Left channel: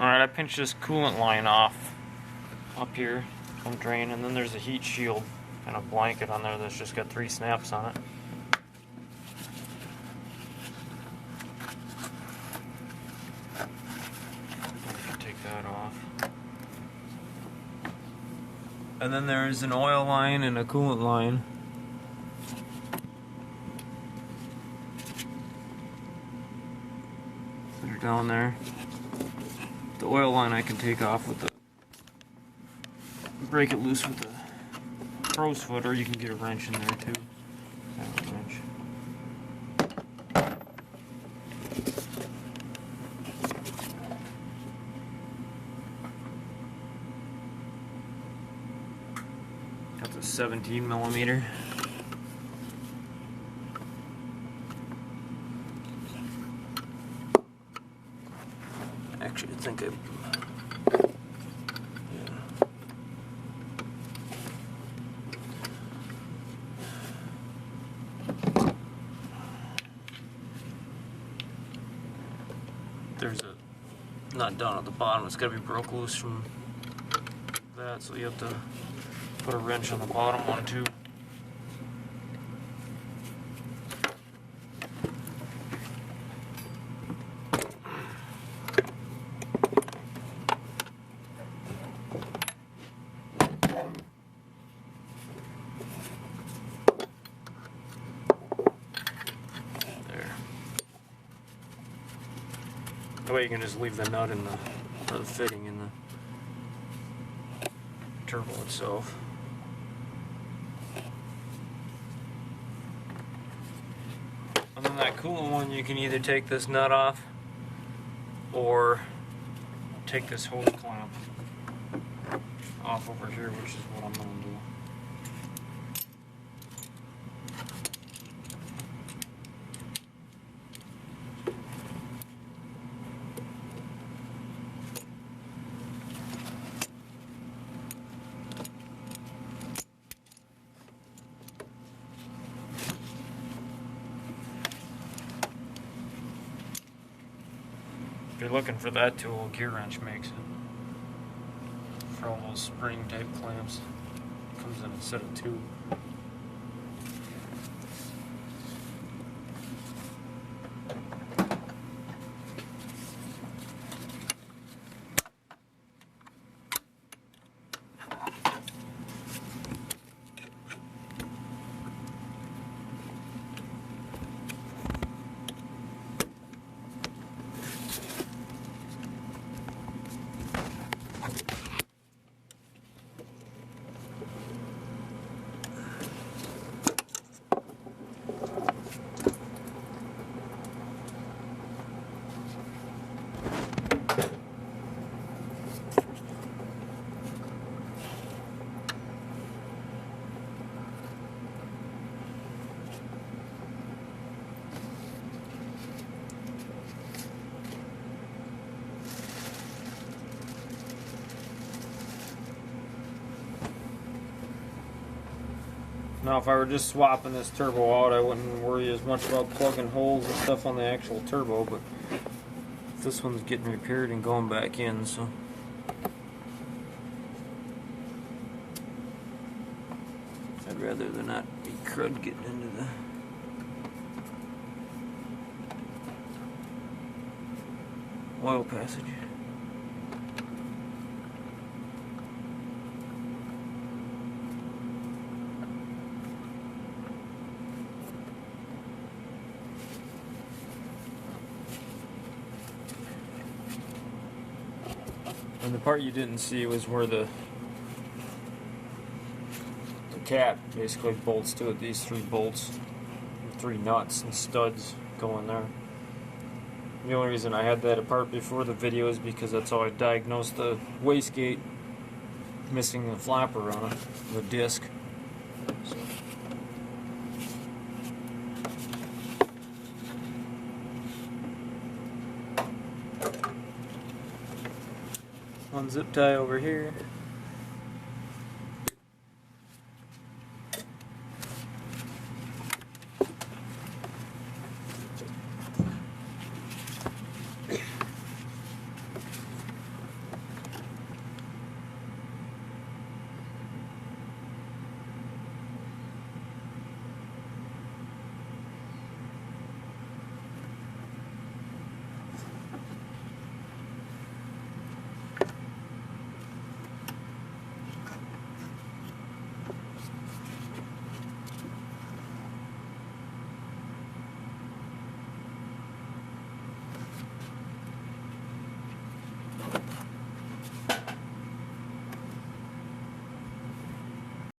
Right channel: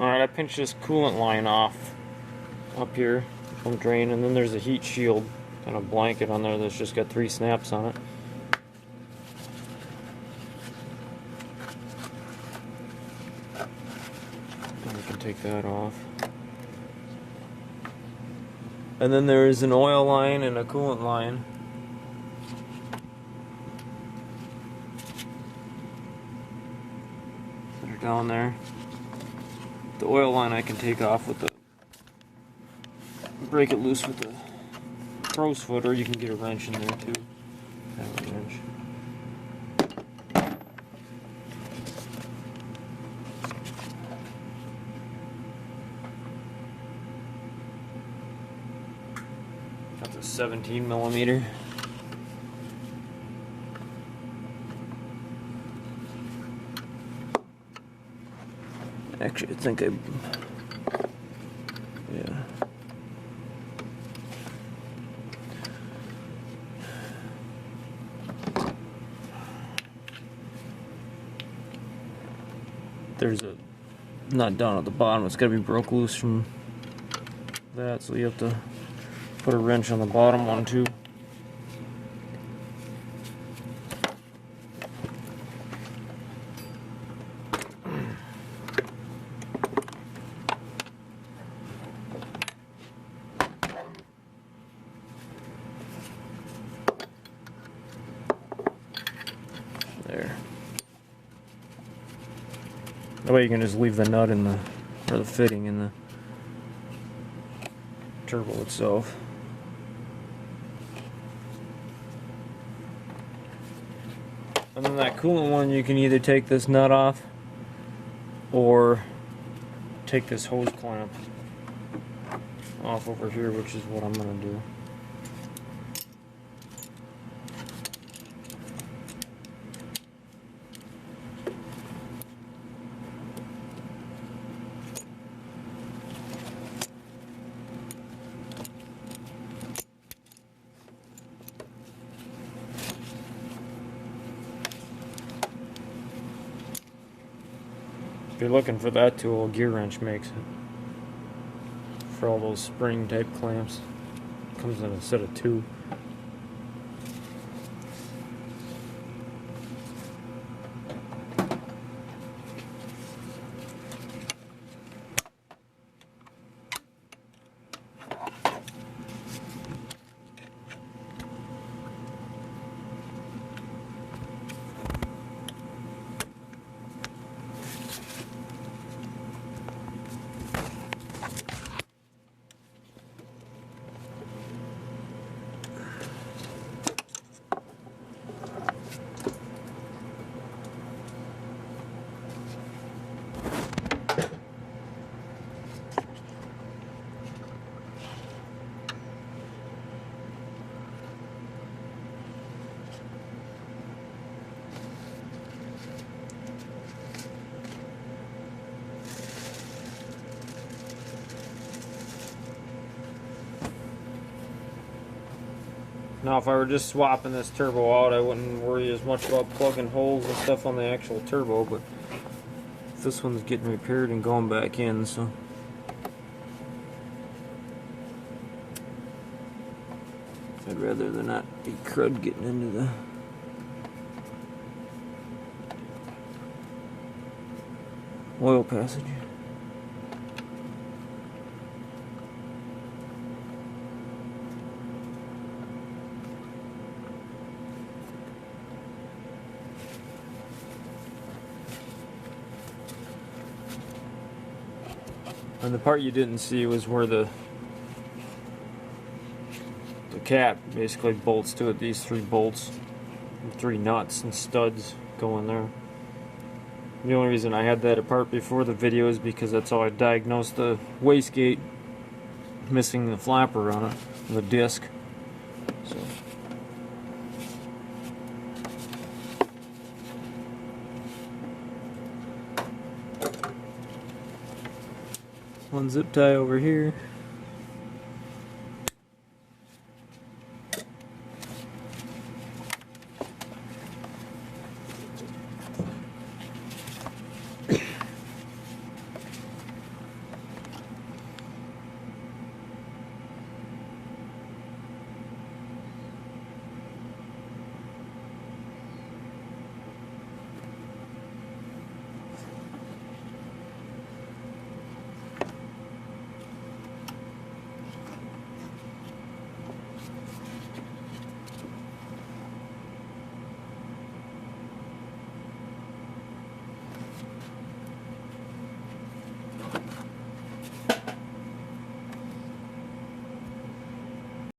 Alright, I pinched this coolant line off up here from drain, and then there's a heat shield kind of blanket on there that's just got 3 snaps on it. And you can take that off. And then there's an oil line and a coolant line. They're down there. The oil line I can take off with the, break it loose with the crow's foot, or you can get a wrench in there too. Got a wrench. Got the 17mm. Actually, I think yeah. There's a nut down at the bottom. It's got to be broke loose from that, so you have to put a wrench on the bottom one too. That way you can just leave the nut in the, or the fitting in the turbo itself. And then that coolant one, you can either take this nut off or take this hose clamp off over here, which is what I'm going to do. If you're looking for that tool, a gear wrench makes it. For all those spring type clamps. It comes in a set of 2. Now if I were just swapping this turbo out, I wouldn't worry as much about plugging holes and stuff on the actual turbo, but this one's getting repaired and going back in, so I'd rather than not be crud getting into the oil passage. And the part you didn't see was where the cap basically bolts to it. These 3 bolts, 3 nuts and studs go in there. The only reason I had that apart before the video is because that's how I diagnosed the wastegate missing the flapper on it, the disc. So. One zip tie over here.